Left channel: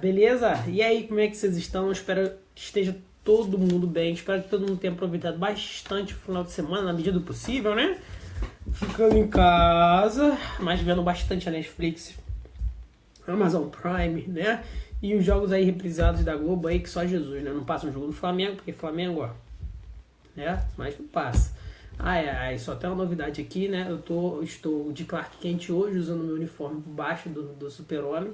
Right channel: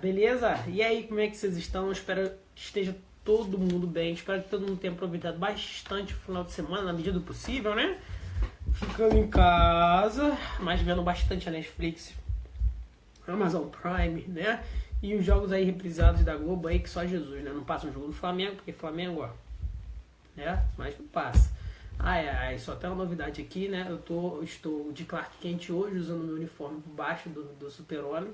beleza? E aí, como é que vocês estão? Espero que esteja todo mundo bem. Espero que todo mundo tenha aproveitado bastante o final de semana, na medida do possível, né? Ficando em casa, mas vendo bastante a Netflix, Amazon Prime, né? E os jogos aí reprisados da Globo aí, que só Jesus, né? Não passa um jogo do Flamengo, porque Flamengo, ó, né? Mas não passa. Só tem uma novidade aqui, né? Estou de Clark Kent hoje, usando meu uniforme por baixo do Super-Homem,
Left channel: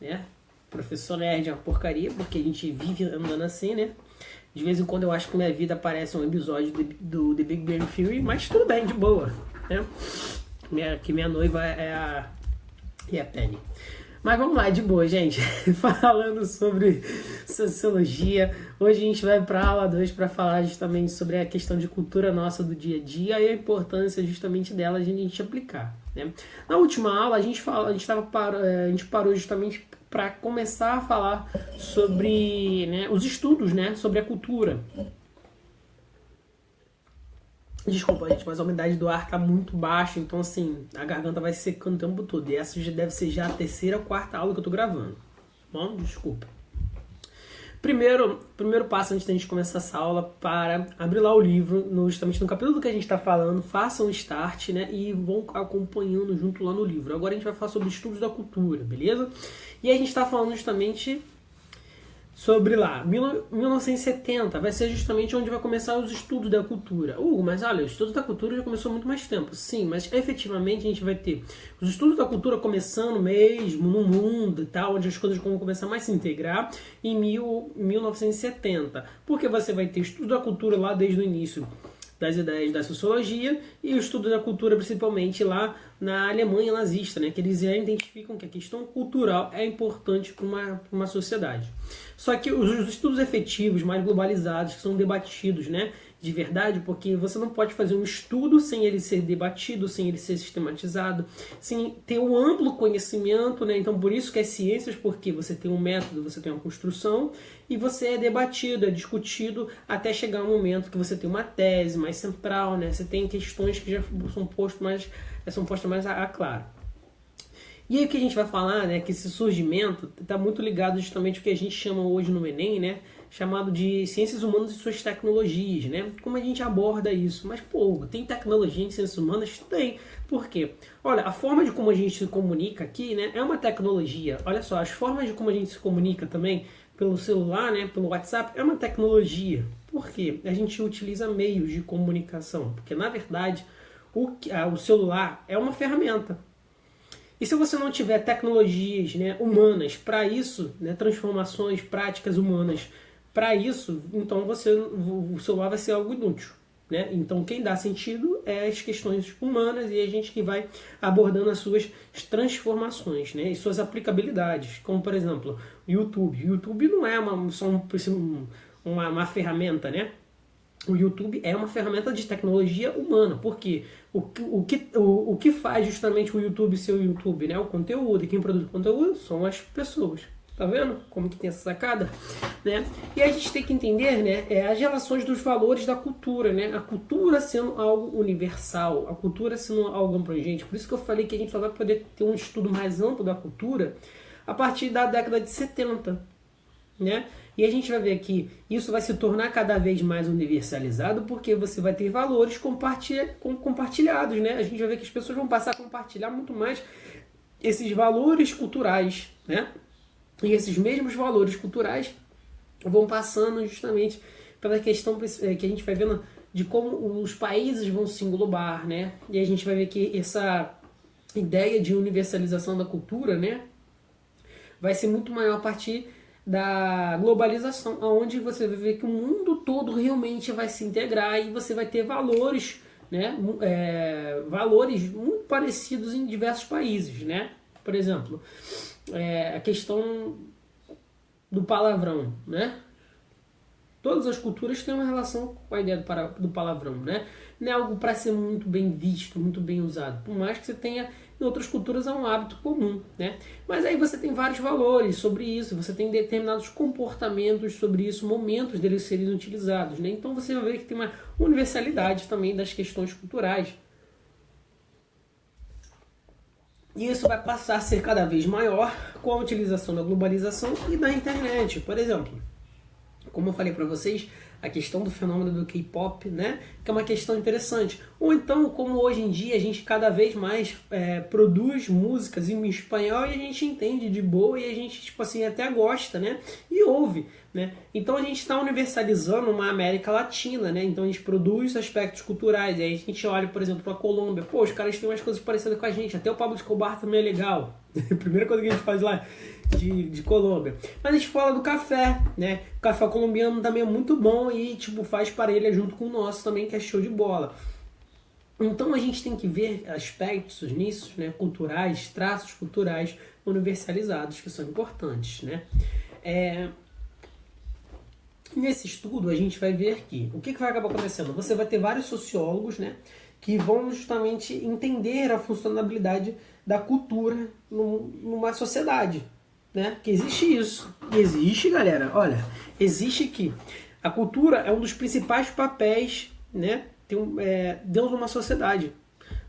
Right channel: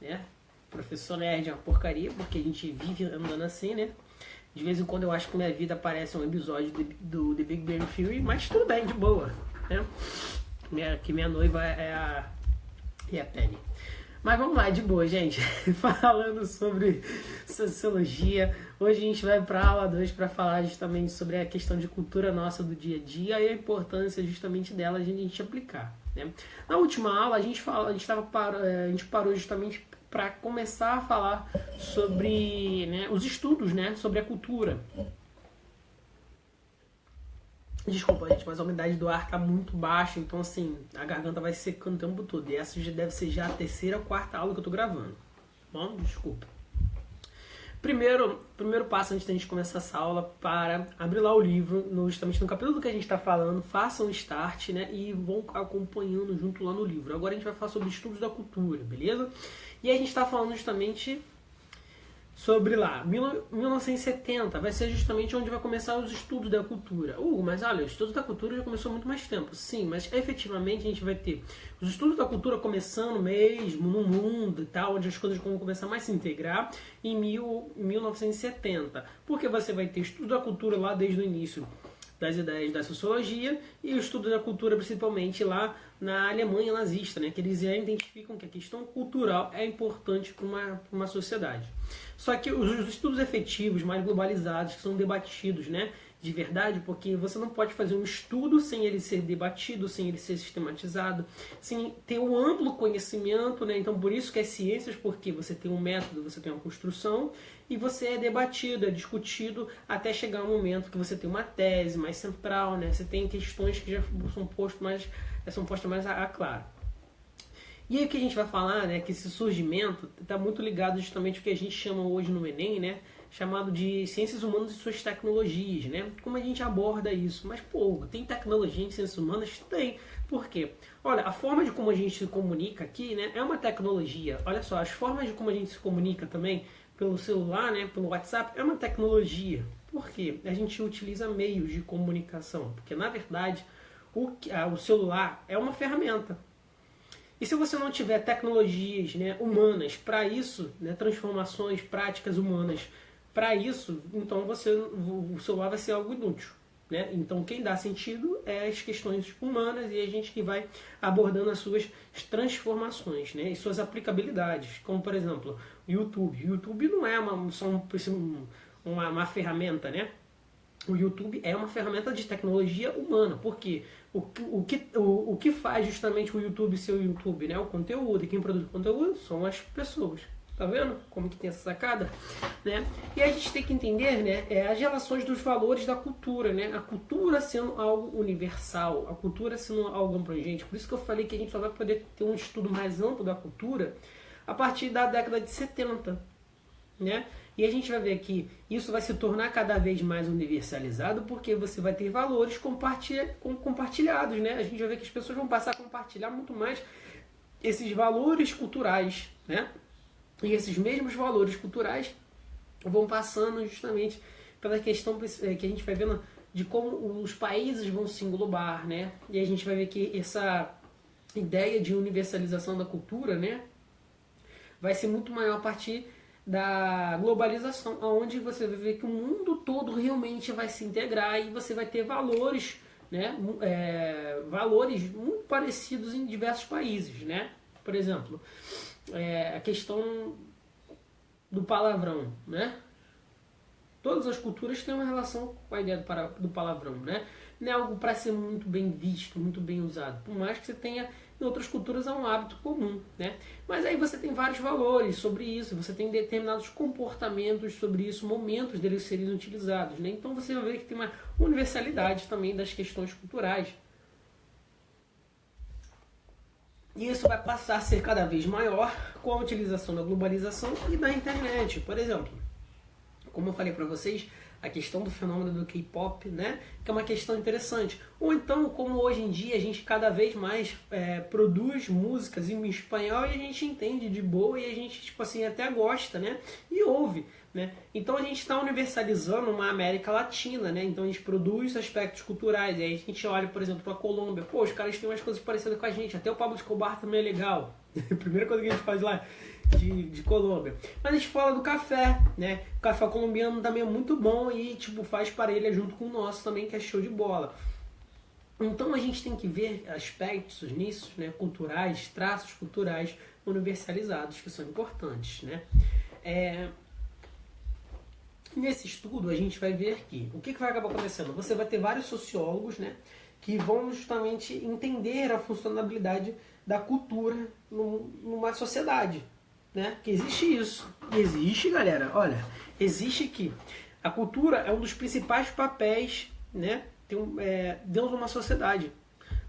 né? Professor Nerd é uma porcaria, porque a gente vive andando assim, né? De vez em quando eu acho que minha vida parece um episódio do The Big Bang Theory, mas tudo bem, de boa, né? Minha noiva é a Penny. Mas vamos lá, de boa, gente. Falando sobre sociologia, hoje a gente vai para a aula 2 para falar justamente sobre a questão de cultura nossa do dia a dia e a importância justamente dela a gente aplicar, né? Na última aula a gente parou justamente para começar a falar sobre, né, os estudos, né, sobre a cultura. Desculpa, gente, mas a umidade do ar tá muito baixa, então assim, a garganta vai secando o tempo todo. E essa já deve ser já a terceira ou quarta aula que eu tô gravando. Bom, desculpa. Primeiro passo antes da gente começar essa aula para abrir lá o livro, justamente no capítulo que a gente está falando, façam um start, né, e vão acompanhando junto lá no livro. Agora a gente vai falar sobre estudos da cultura, beleza? E a gente está falando justamente sobre lá, 1970, vai ser justamente onde vai começar os estudos da cultura. Mas olha, os estudos da cultura já começou há muito mais tempo. Sim, mas efetivamente a gente vai ter os estudos da cultura começando mesmo no mundo e tal, onde as coisas vão começar mais a se integrar em 1970. Porque você vai ter estudos da cultura lá desde o início das ideias da sociologia e o estudo da cultura principalmente lá na Alemanha nazista, né, que eles já identificam que a questão cultural é importante para uma sociedade. Só que os estudos efetivos, mais globalizados, que são debatidos, né, de verdade, porque você não pode fazer um estudo sem ele ser debatido, sem ele ser sistematizado, sem ter um amplo conhecimento, né? Então por isso que é ciências, porque você tem um método, você tem uma construção e você é debatido, é discutido até chegar um momento que você tem uma tese mais central, né? Você tem questões que já são postas mais a claro. E aí o que a gente vai falar, né, que esse surgimento está muito ligado justamente ao que a gente chama hoje no Enem, né, chamado de ciências humanas e suas tecnologias, né? Como a gente aborda isso? Mas, pô, tem tecnologia em ciências humanas? Tem. Por quê? Olha, a forma de como a gente se comunica aqui, né, é uma tecnologia. Olha só, as formas de como a gente se comunica também pelo celular, né, pelo WhatsApp, é uma tecnologia. Por quê? A gente utiliza meios de comunicação. Porque, na verdade, o celular é uma ferramenta. E se você não tiver tecnologias, né, humanas para isso, né, transformações práticas humanas para isso, então o celular vai ser algo inútil, né? Então quem dá sentido é as questões humanas e a gente que vai abordando as suas transformações, né, e suas aplicabilidades, como por exemplo o YouTube. O YouTube não é só uma ferramenta, né? O YouTube é uma ferramenta de tecnologia humana, porque o que faz justamente o YouTube ser o YouTube, né? O conteúdo, e quem produz o conteúdo são as pessoas. Tá vendo como que tem essa sacada? Né? E a gente tem que entender, né, as relações dos valores da cultura, né? A cultura sendo algo universal, a cultura sendo algo abrangente. Por isso que eu falei que a gente só vai poder ter um estudo mais amplo da cultura a partir da década de 70. Né? E a gente vai ver que isso vai se tornar cada vez mais universalizado porque você vai ter valores compartilhados. Né? A gente vai ver que as pessoas vão passar a compartilhar muito mais esses valores culturais. Né? E esses mesmos valores culturais vão passando justamente pela questão que a gente vai vendo de como os países vão se englobar. Né? E a gente vai ver que essa ideia de universalização da cultura, né, vai ser muito maior a partir da globalização, onde você vai ver que o mundo todo realmente vai se integrar e você vai ter valores, né, valores muito parecidos em diversos países, né? Por exemplo, a questão do palavrão, né? Todas as culturas têm uma relação com a ideia do palavrão, né? Não é algo para ser muito bem visto, muito bem usado. Por mais que você tenha, em outras culturas é um hábito comum, né? Mas aí você tem vários valores sobre isso, você tem determinados comportamentos sobre isso, momentos deles serem utilizados, né? Então você vai ver que tem uma universalidade também das questões culturais. E isso vai passar a ser cada vez maior com a utilização da globalização e da internet. Por exemplo, como eu falei para vocês, a questão do fenômeno do K-pop, né, que é uma questão interessante. Ou então, como hoje em dia a gente cada vez mais produz músicas em espanhol e a gente entende de boa e a gente, tipo assim, até gosta, né, e ouve. Né? Então a gente está universalizando uma América Latina, né? Então a gente produz aspectos culturais. E aí a gente olha, por exemplo, para a Colômbia. Pô, os caras têm umas coisas parecidas com a gente. Até o Pablo Escobar também é legal. A primeira coisa que a gente faz lá de Colômbia. Mas a gente fala do café, né? O café colombiano também é muito bom e tipo faz parelha junto com o nosso também, que é show de bola. Então a gente tem que ver aspectos nisso, né? Culturais, traços culturais universalizados que são importantes, né? Nesse estudo a gente vai ver que o que vai acabar acontecendo? Você vai ter vários sociólogos, né, que vão justamente entender a funcionalidade da cultura numa sociedade, né? Que existe isso. Existe, galera. Olha, existe que a cultura é um dos principais papéis, né, dentro de uma sociedade.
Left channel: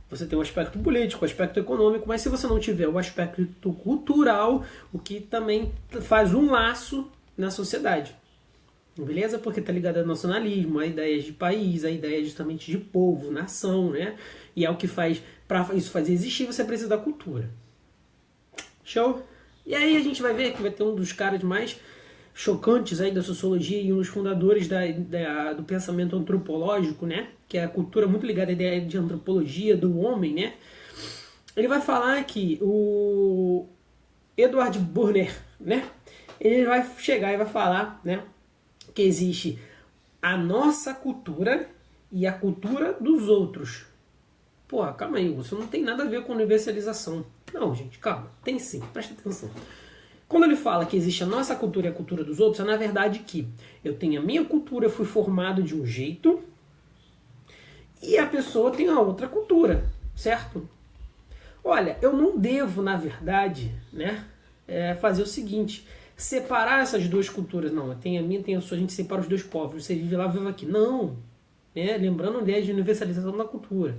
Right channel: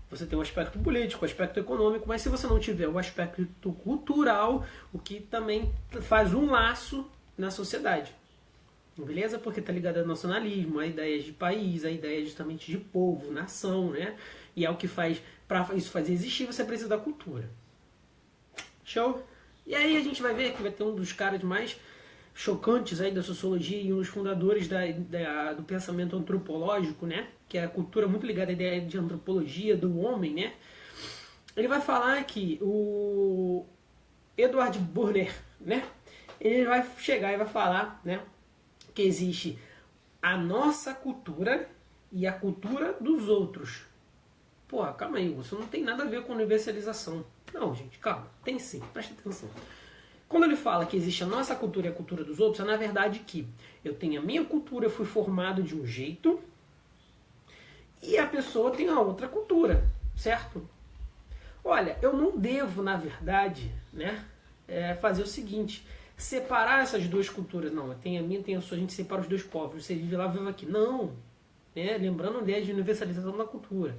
Você tem o aspecto político, o aspecto econômico, mas se você não tiver o aspecto cultural, o que também faz um laço na sociedade. Beleza? Porque está ligado ao nacionalismo, a ideias de país, a ideia justamente de povo, nação, né? E é o que faz, para isso fazer existir, você precisa da cultura. Show? E aí a gente vai ver que vai ter um dos caras mais chocantes aí da sociologia e um dos fundadores do pensamento antropológico, né? Que é a cultura muito ligada à ideia de antropologia do homem, né? Ele vai falar que o Edward Burner, né? Ele vai chegar e vai falar, né? Que existe a nossa cultura e a cultura dos outros. Porra, calma aí, isso não tem nada a ver com universalização. Não, gente, calma, tem sim, presta atenção. Quando ele fala que existe a nossa cultura e a cultura dos outros, é na verdade que eu tenho a minha cultura, eu fui formado de um jeito, e a pessoa tem a outra cultura, certo? Olha, eu não devo, na verdade, né, fazer o seguinte: separar essas duas culturas. Não, tem a minha, tem a sua, a gente separa os dois povos. Você vive lá, vive aqui. Não. Lembrando a ideia de universalização da cultura.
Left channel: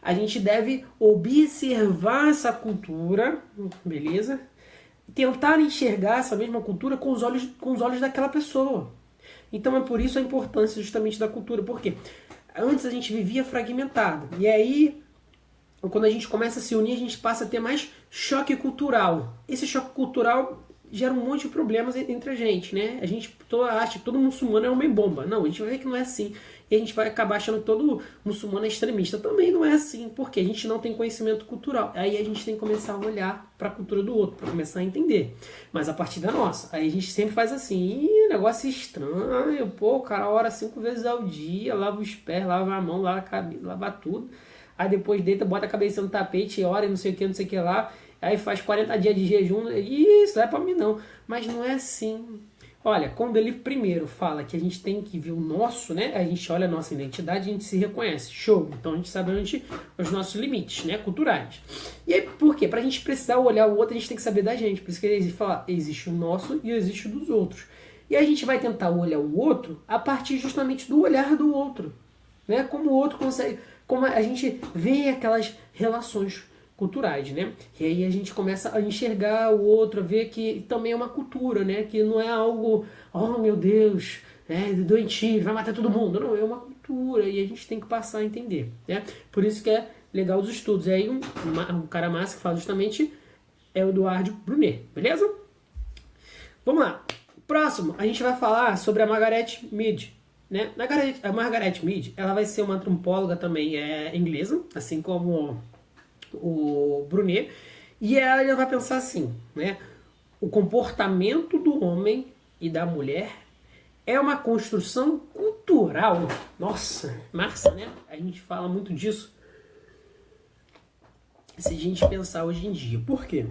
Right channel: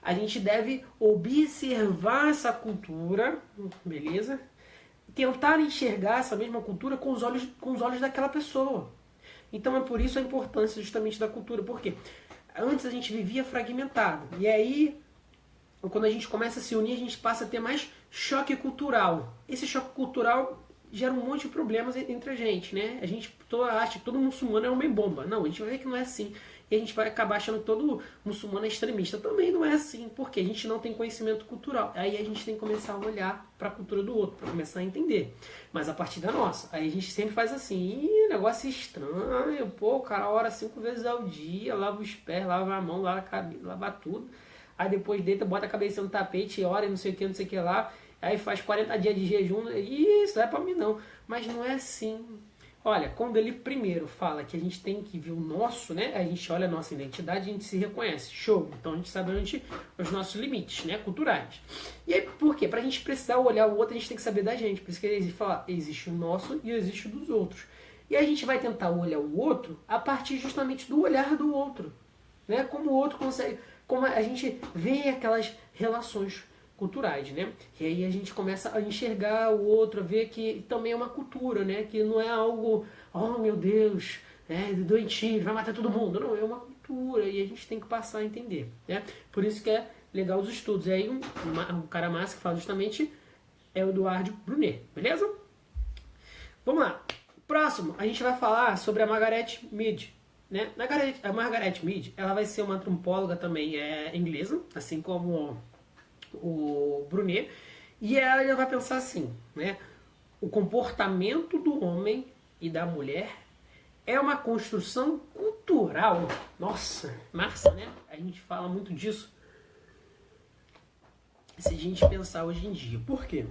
A gente deve observar essa cultura, beleza? Tentar enxergar essa mesma cultura com os olhos daquela pessoa. Então é por isso a importância justamente da cultura. Porque antes a gente vivia fragmentado. E aí, quando a gente começa a se unir, a gente passa a ter mais choque cultural. Esse choque cultural gera um monte de problemas entre a gente, né? A gente acha que todo muçulmano é homem-bomba. Não, a gente vai ver que não é assim. E a gente vai acabar achando que todo muçulmano é extremista. Também não é assim, porque a gente não tem conhecimento cultural. Aí a gente tem que começar a olhar para a cultura do outro, para começar a entender. Mas a partir da nossa. Aí a gente sempre faz assim: ih, negócio estranho. Pô, o cara ora 5 vezes ao dia, lava os pés, lava a mão, lava tudo. Aí depois deita, bota a cabeça no tapete, ora e não sei o que lá. Aí faz 40 dias de jejum, isso não é pra mim não. Mas não é assim. Olha, quando ele primeiro fala que a gente tem que ver o nosso, né? A gente olha a nossa identidade, a gente se reconhece. Show! Então a gente sabe onde os nossos limites, né? Culturais. E aí, por quê? Pra gente precisar olhar o outro, a gente tem que saber da gente. Por isso que ele fala, existe o nosso e existe o dos outros. E a gente vai tentar olhar o outro a partir justamente do olhar do outro. Né? Como o outro consegue... Como a gente vê aquelas relações culturais, né? E aí a gente começa a enxergar o outro, a ver que também é uma cultura, né? Que não é algo, oh meu Deus, doentio, vai matar todo mundo. Não, é uma cultura e a gente tem que passar a entender, né? Por isso que é legal os estudos. E aí um cara massa que fala justamente é o Edward Brunet, beleza? Vamos lá. Próximo, a gente vai falar sobre a Margaret Mead. Né? A Margaret Mead, ela vai ser uma antropóloga também inglesa, assim como o Brunet, e ela vai pensar assim, né? O comportamento do homem e da mulher é uma construção cultural. Nossa, massa, né? A gente fala muito disso se a gente pensar hoje em dia. Por quê?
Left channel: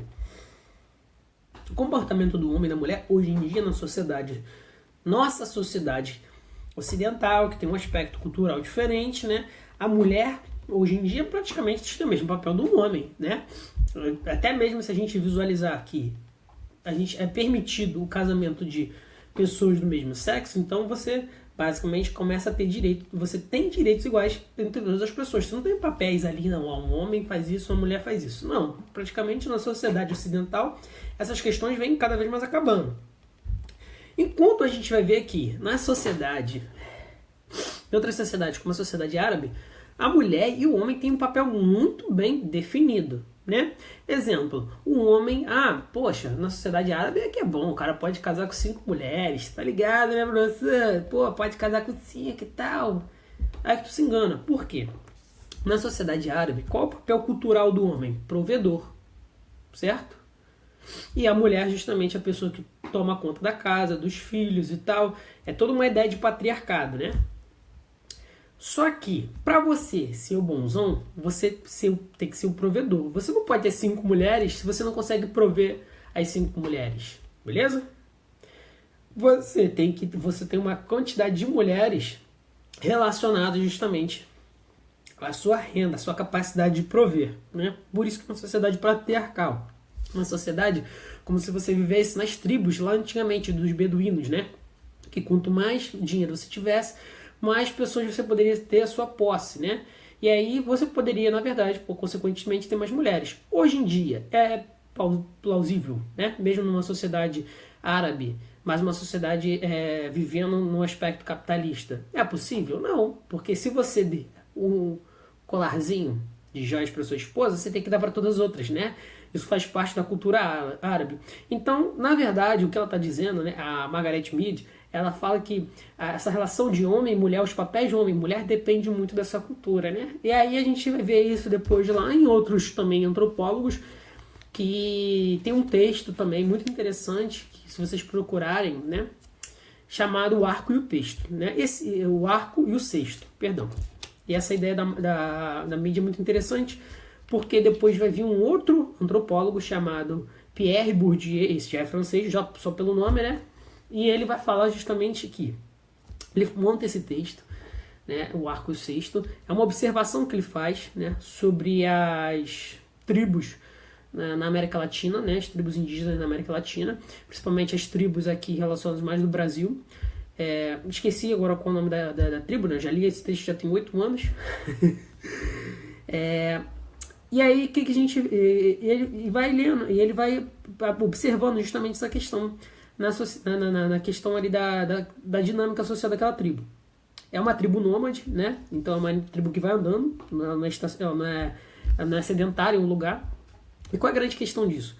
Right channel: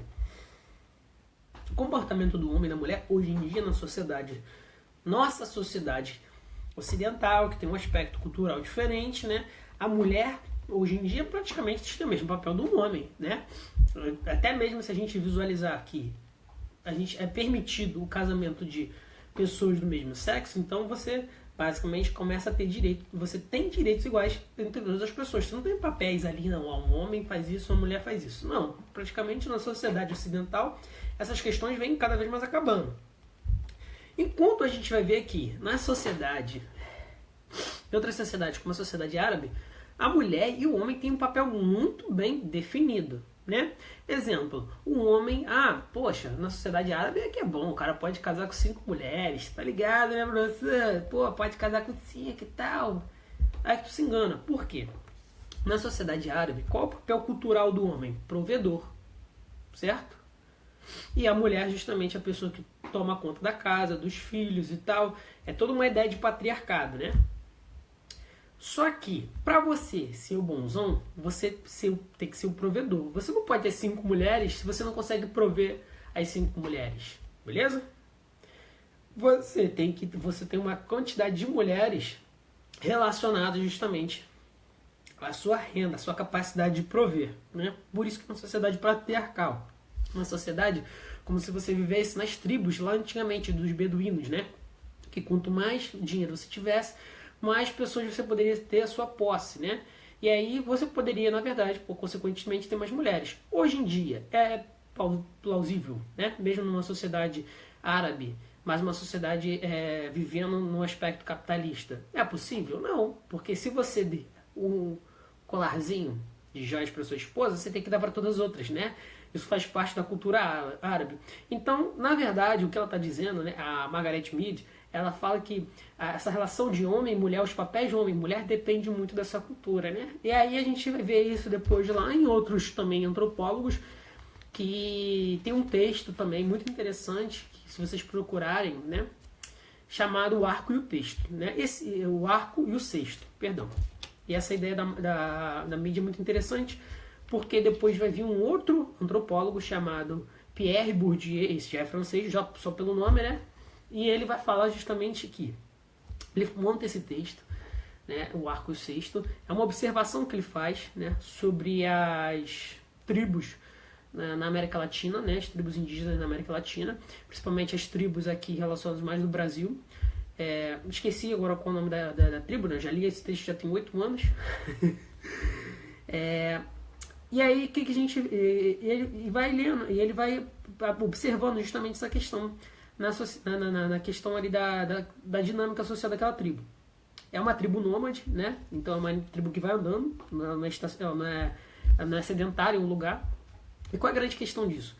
O comportamento do homem e da mulher hoje em dia na sociedade, nossa sociedade ocidental, que tem um aspecto cultural diferente, né? A mulher, hoje em dia, praticamente tem o mesmo papel do homem, né? Até mesmo se a gente visualizar que é permitido o casamento de pessoas do mesmo sexo, então você basicamente começa a ter direito, você tem direitos iguais entre todas as pessoas. Você não tem papéis ali, não, um homem faz isso, uma mulher faz isso. Não, praticamente na sociedade ocidental, essas questões vêm cada vez mais acabando. Enquanto a gente vai ver aqui, na sociedade, em outras sociedades, como a sociedade árabe, a mulher e o homem têm um papel muito bem definido, né? Exemplo, o homem, poxa, na sociedade árabe é que é bom, o cara pode casar com 5 mulheres, tá ligado, né, professor? Pô, pode casar com 5 e tal. Aí que tu se engana. Por quê? Na sociedade árabe, qual é o papel cultural do homem? Provedor, certo? E a mulher, justamente, a pessoa que toma conta da casa, dos filhos e tal. É toda uma ideia de patriarcado, né? Só que, para você ser o bonzão, você tem que ser o provedor. Você não pode ter 5 mulheres se você não consegue prover as 5 mulheres. Beleza? Você tem uma quantidade de mulheres relacionadas justamente à sua renda, à sua capacidade de prover. Né? Por isso que é uma sociedade patriarcal. Uma sociedade como se você vivesse nas tribos lá antigamente dos beduínos, né? Que quanto mais dinheiro você tivesse, mais pessoas você poderia ter a sua posse, né? E aí você poderia, na verdade, consequentemente, ter mais mulheres. Hoje em dia é plausível, né? Mesmo numa sociedade árabe, mas uma sociedade vivendo num aspecto capitalista. É possível? Não, porque se você der um colarzinho de joias para sua esposa, você tem que dar para todas as outras, né? Isso faz parte da cultura árabe. Então, na verdade, o que ela está dizendo, né, a Margaret Mead, ela fala que essa relação de homem e mulher, os papéis de homem e mulher, depende muito dessa cultura, né? E aí a gente vai ver isso depois lá em outros também antropólogos, que tem um texto também muito interessante, que se vocês procurarem, né, chamado O Arco e o Texto, né? O Arco e o Cesto, perdão. E essa ideia da mídia é muito interessante, porque depois vai vir um outro antropólogo chamado Pierre Bourdieu, esse já é francês, já só pelo nome, né? E ele vai falar justamente que ele monta esse texto, né, o Arco e o Cesto, é uma observação que ele faz, né, sobre as tribos na América Latina, né, as tribos indígenas na América Latina, principalmente as tribos aqui relacionadas mais do Brasil. Esqueci agora qual é o nome da tribo, né, já li esse texto já tem 8 anos. E aí, o que a gente... Ele vai lendo, e ele vai observando justamente essa questão na questão ali da dinâmica social daquela tribo. É uma tribo nômade, né? Então é uma tribo que vai andando, não é sedentário um lugar. E qual é a grande questão disso?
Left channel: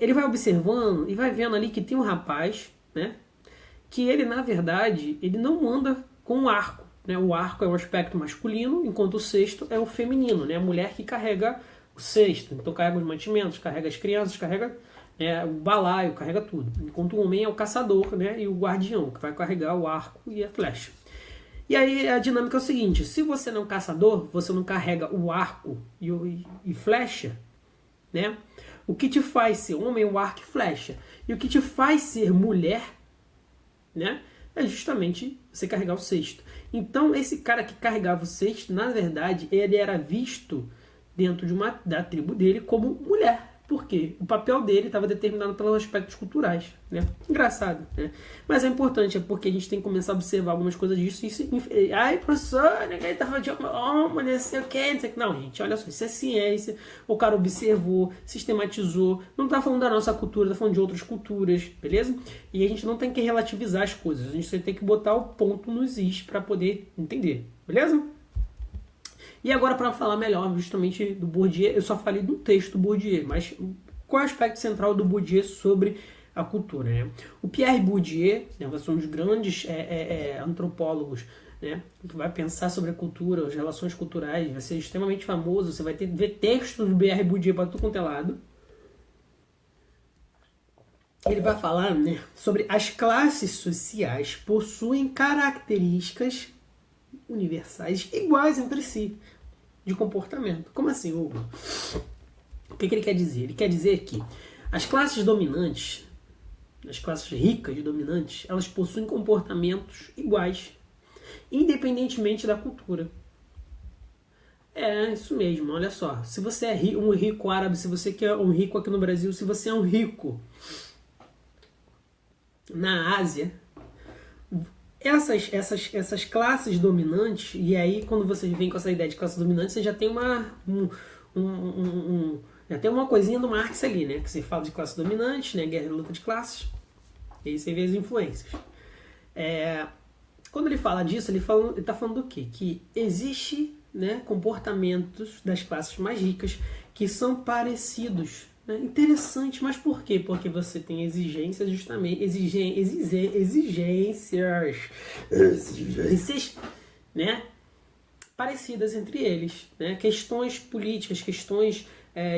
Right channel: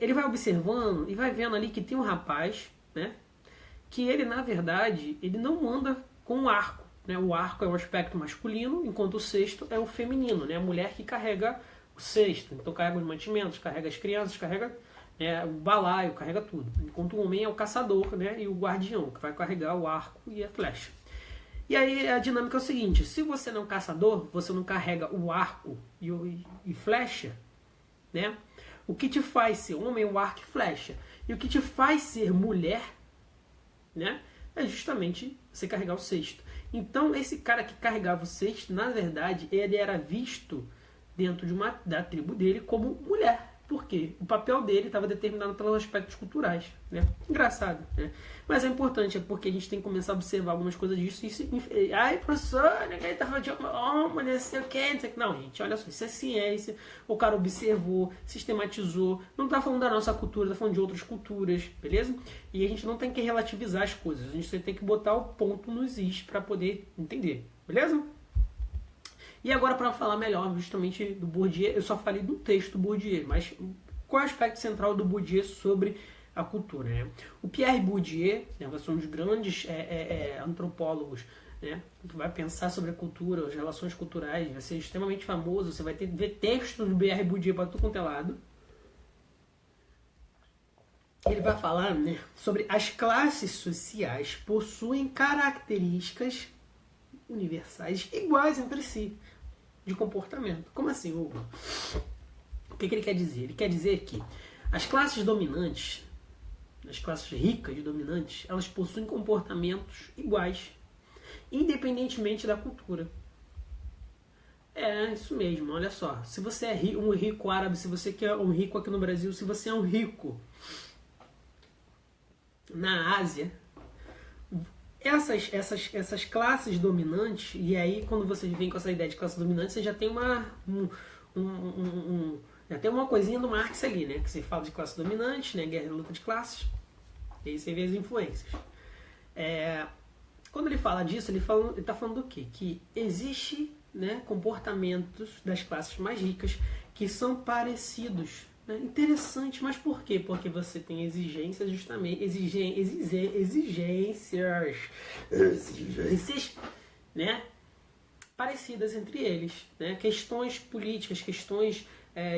Ele vai observando e vai vendo ali que tem um rapaz, né? Que ele, na verdade, ele não anda com um arco. Né? O arco é um aspecto masculino, enquanto o cesto é o feminino, né? A mulher que carrega o cesto. Então carrega os mantimentos, carrega as crianças, carrega o balaio, carrega tudo. Enquanto o homem é o caçador, né? E o guardião, que vai carregar o arco e a flecha. E aí a dinâmica é o seguinte, se você não é um caçador, você não carrega o arco e flecha, né? O que te faz ser homem é o arco e flecha. E o que te faz ser mulher, né, é justamente você carregar o cesto. Então, esse cara que carregava o cesto, na verdade, ele era visto dentro da tribo dele como mulher. Por quê? O papel dele estava determinado pelos aspectos culturais. Né? Engraçado. Né? Mas é importante, porque a gente tem que começar a observar algumas coisas disso. Ai, professor, ninguém está falando de homem, não sei o que, não sei o que. Não, gente, olha só, isso é ciência. O cara observou, sistematizou. Não está falando da nossa cultura, está falando de outras culturas, beleza? E a gente não tem que relativizar as coisas. A gente tem que botar o ponto nos is para poder entender, beleza? E agora, para falar melhor justamente do Bourdieu, eu só falei do texto do Bourdieu, mas qual é o aspecto central do Bourdieu sobre a cultura? Né? O Pierre Bourdieu, né, vai ser um dos grandes antropólogos, né, que vai pensar sobre a cultura, as relações culturais, vai ser extremamente famoso, você vai ver textos do Pierre Bourdieu para tudo quanto é lado. Ele vai falar, né, sobre as classes sociais possuem características universais iguais entre si de comportamento. Como assim, Hugo? O que ele quer dizer? Ele quer dizer que as classes dominantes, as classes ricas e dominantes, elas possuem comportamentos iguais, independentemente da cultura. É isso mesmo, olha só. Se você é um rico árabe, se você quer um rico aqui no Brasil, se você é um rico na Ásia, essas classes dominantes, e aí quando você vem com essa ideia de classe dominante, você já tem já tem uma coisinha do Marx ali, né? Que você fala de classe dominante, né? Guerra e luta de classes, e aí você vê as influências. Quando ele fala disso, ele está falando do quê? Que existe, né, comportamentos das classes mais ricas que são parecidos. Né? Interessante, mas por quê? Porque você tem exigências, justamente, exigências, né, parecidas entre eles. Né? Questões políticas, questões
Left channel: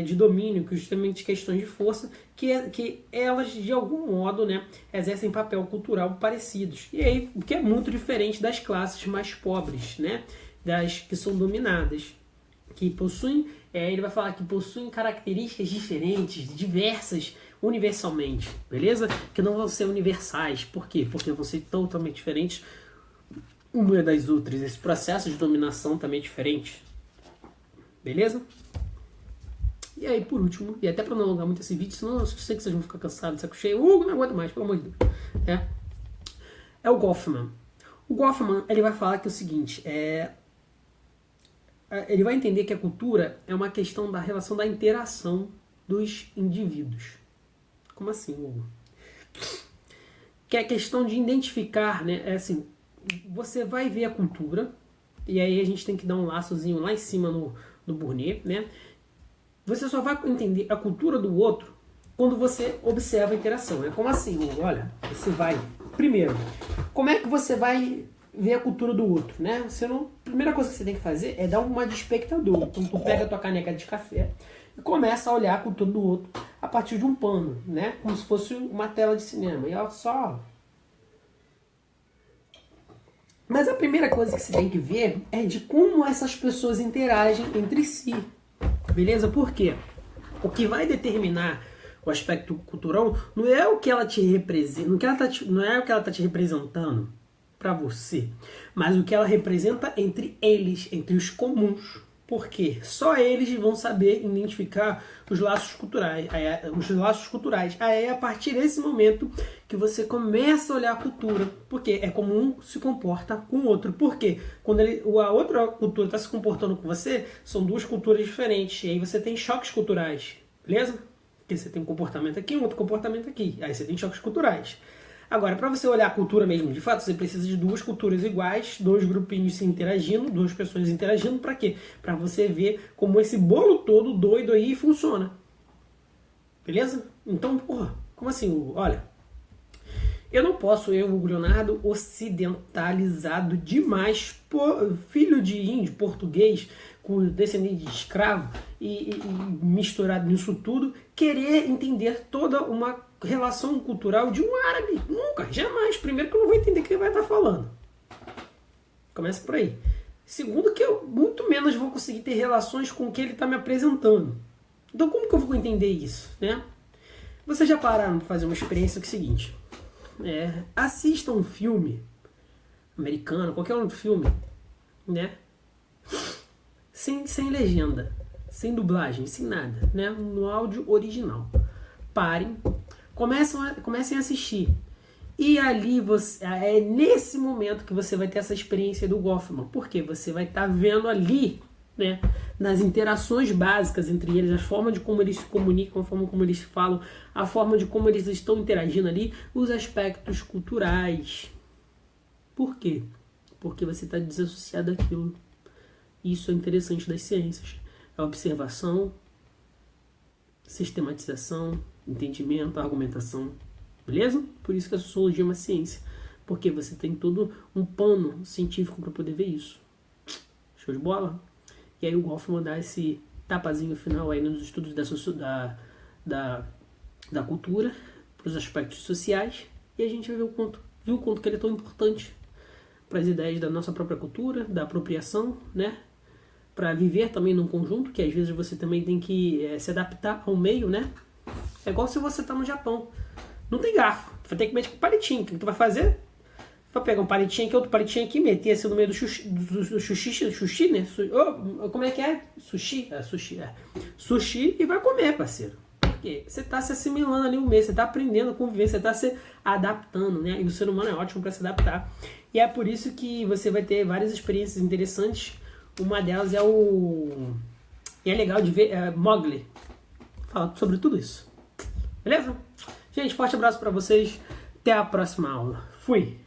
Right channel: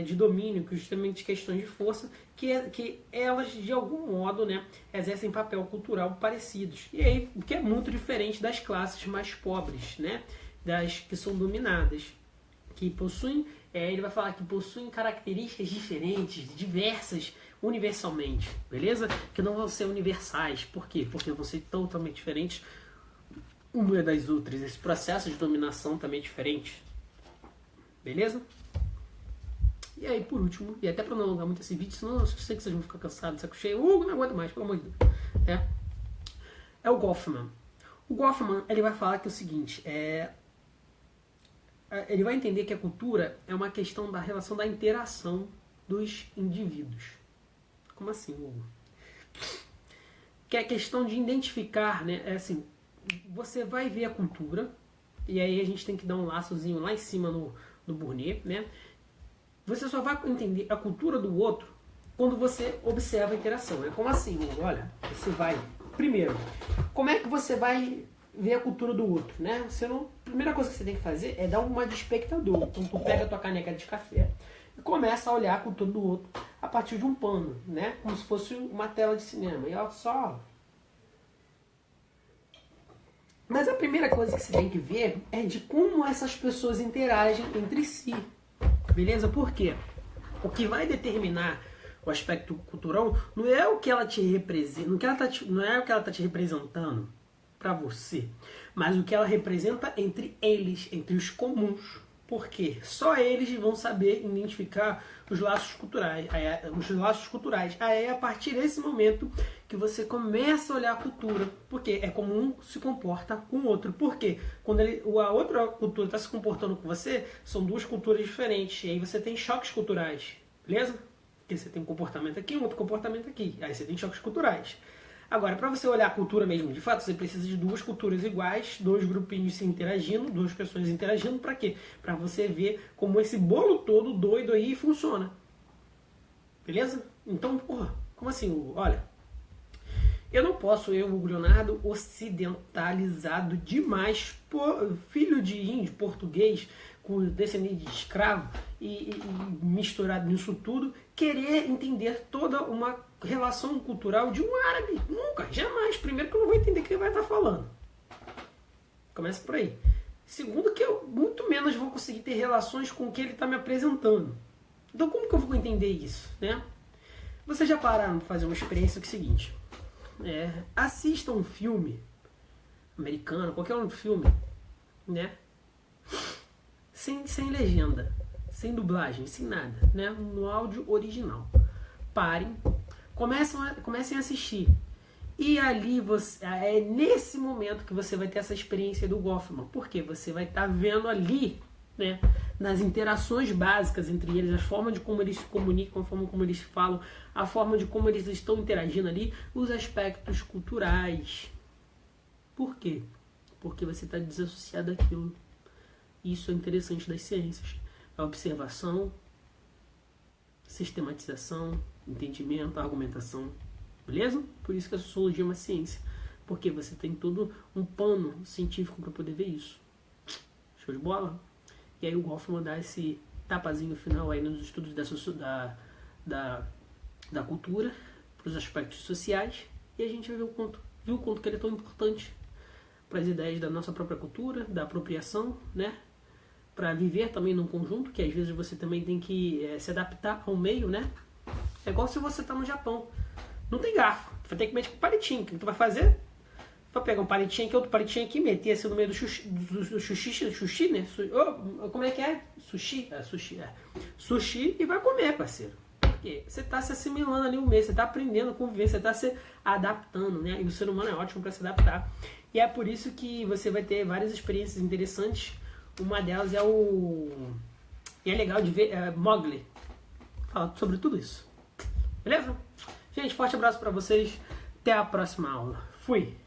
de domínio, justamente questões de força, que elas, de algum modo, né, exercem papel cultural parecidos. E aí, o que é muito diferente das classes mais pobres, né, das que são dominadas, que possuem, ele vai falar que possuem características diferentes, diversas, universalmente, beleza? Que não vão ser universais. Por quê? Porque vão ser totalmente diferentes uma das outras. Esse processo de dominação também é diferente, beleza? E aí, por último, e até para não alongar muito esse vídeo, senão eu sei que vocês vão ficar cansados, saco cheio, não aguento mais, pelo amor de Deus. É o Goffman. O Goffman, ele vai falar que é o seguinte, ele vai entender que a cultura é uma questão da relação da interação dos indivíduos. Como assim, Hugo? Que é a questão de identificar, né? Assim, você vai ver a cultura, e aí a gente tem que dar um laçozinho lá em cima no Bourdieu, né? Você só vai entender a cultura do outro quando você observa a interação. É como assim, Hugo? Olha, você vai... Primeiro, como é que você vai ver a cultura do outro, né? A primeira coisa que você tem que fazer é dar uma de espectador. Então tu pega a tua caneca de café e começa a olhar a cultura do outro a partir de um pano, né? Como se fosse uma tela de cinema. E olha só. Mas a primeira coisa que você tem que ver é de como essas pessoas interagem entre si. Beleza? Por quê? O que vai determinar o aspecto cultural não é o que ela te representa, não é o que ela está te representando para você, mas o que ela representa entre eles, entre os comuns. Por quê? Só eles vão saber identificar os laços culturais. Aí é a partir desse momento que você começa a olhar a cultura, porque é como um se comporta com o outro. Por quê? Quando a outra cultura está se comportando com você, são duas culturas diferentes. E aí você tem choques culturais, beleza? Porque você tem um comportamento aqui, um outro comportamento aqui. Aí você tem choques culturais. Agora, para você olhar a cultura mesmo, de fato, você precisa de duas culturas iguais, dois grupinhos se interagindo, duas pessoas interagindo, para quê? Para você ver como esse bolo todo doido aí funciona. Beleza? Então, porra, como assim? Olha, eu não posso, Hugo Leonardo, ocidentalizado demais, filho de índio, português, com descendente de escravo e misturado nisso tudo, querer entender toda uma relação cultural de um árabe. Nunca, jamais. Primeiro que eu não vou entender o que ele vai estar falando. Começa por aí. Segundo que eu muito menos vou conseguir ter relações com o que ele está me apresentando. Então como que eu vou entender isso? Né? Vocês já pararam para fazer uma experiência que é o seguinte. Assista um filme americano, qualquer outro filme, né? Sem legenda, sem dublagem, sem nada, né? No áudio original. Parem, comecem a assistir. E ali é nesse momento que você vai ter essa experiência do Goffman. Porque você vai estar vendo ali, né, nas interações básicas entre eles, a forma de como eles se comunicam, a forma como eles falam, a forma de como eles estão interagindo ali, os aspectos culturais. Por quê? Porque você está desassociado daquilo. Isso é interessante das ciências. A observação, sistematização, entendimento, argumentação. Beleza? Por isso que a sociologia é uma ciência. Porque você tem todo um pano científico para poder ver isso. Show de bola? E aí o Goffman dá esse tapazinho final aí nos estudos da cultura, para os aspectos sociais. E a gente vai ver o quanto que ele é tão importante para as ideias da nossa própria cultura, da apropriação, né? Para viver também num conjunto, que às vezes você também tem que se adaptar ao meio, né? É igual se você está no Japão. Não tem garfo. Tu vai ter que meter com palitinho. O que tu vai fazer? Vai pegar um palitinho aqui, outro palitinho aqui, meter assim no meio do sushi, né? Como é que é? Sushi? Sushi, e vai comer, parceiro. quê? Você está se assimilando ali um mês, você está aprendendo a conviver, você está se adaptando, né? E o ser humano é ótimo para se adaptar. E é por isso que você vai ter várias experiências interessantes. Uma delas é E é legal de ver, Mowgli. Fala sobre tudo isso. Beleza? Gente, forte abraço para vocês. Até a próxima aula. Fui!